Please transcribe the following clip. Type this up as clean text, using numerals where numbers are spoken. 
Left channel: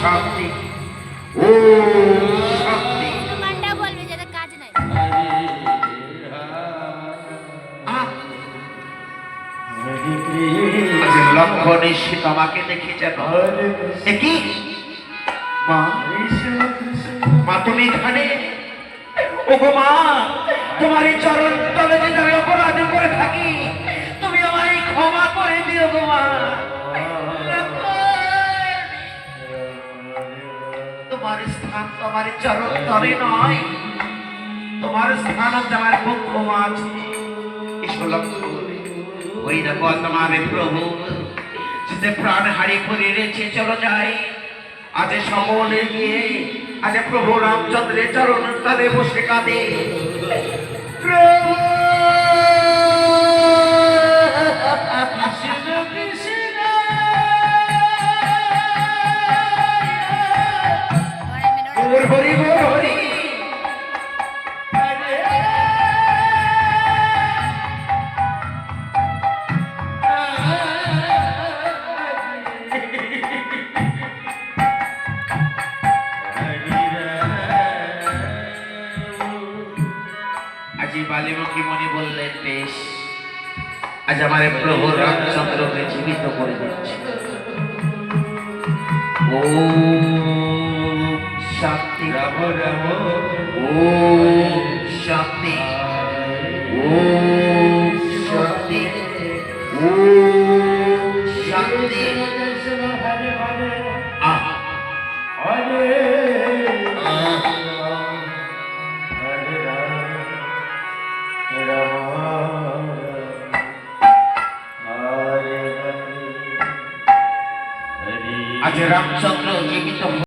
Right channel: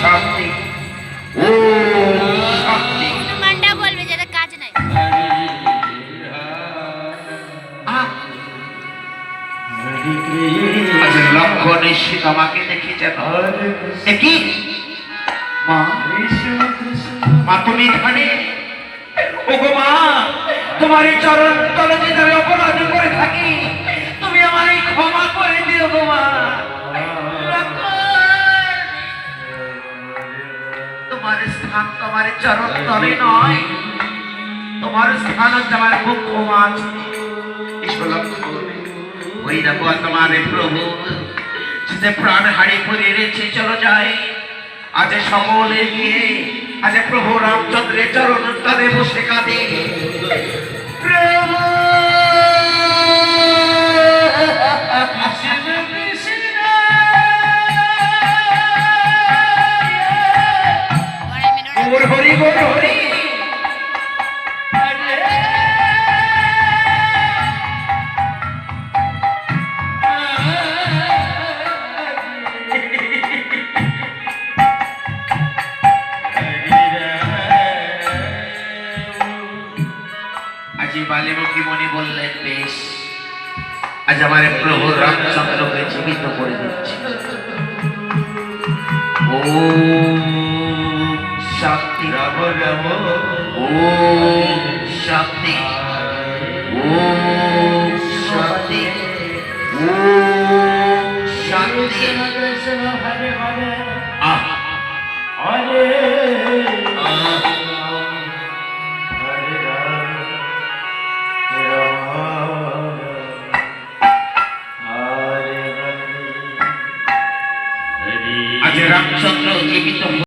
শান্তি ও শান্তি মানটা বলবে যাদের কাজ নাই। আজ লক্ষণ এসে তোমাকে দেখি যেন কি মা, মা তুমি এখানে? ওগো মা, তোমার এই চরণ তলে যদি আমি অপরাধ করে থাকি তুমি আমায় ক্ষমা করে দিও গো মা। তোমার স্থান তোমার চরণ তলে নয়, তোমার স্থান হচ্ছে আমার মুখ্য মাছ। ওই দেখো তোমার প্রভু যে প্রাণ হারি করে রেখে চলে যায়, আজ সকলে গিয়ে আজ প্রভু রামচন্দ্রের চরণ তলে বসে কাঁদে। হরি গো হরি, আজি বালিমুখী মনি বললেন বেশ, আজ আমার প্রভু রামচন্দ্রকে জীবিত করে দিচ্ছে। ও শান্তি ও শান্তি ও শান্তি ও শান্তি। আহ আজ রামচন্দ্র জীবিত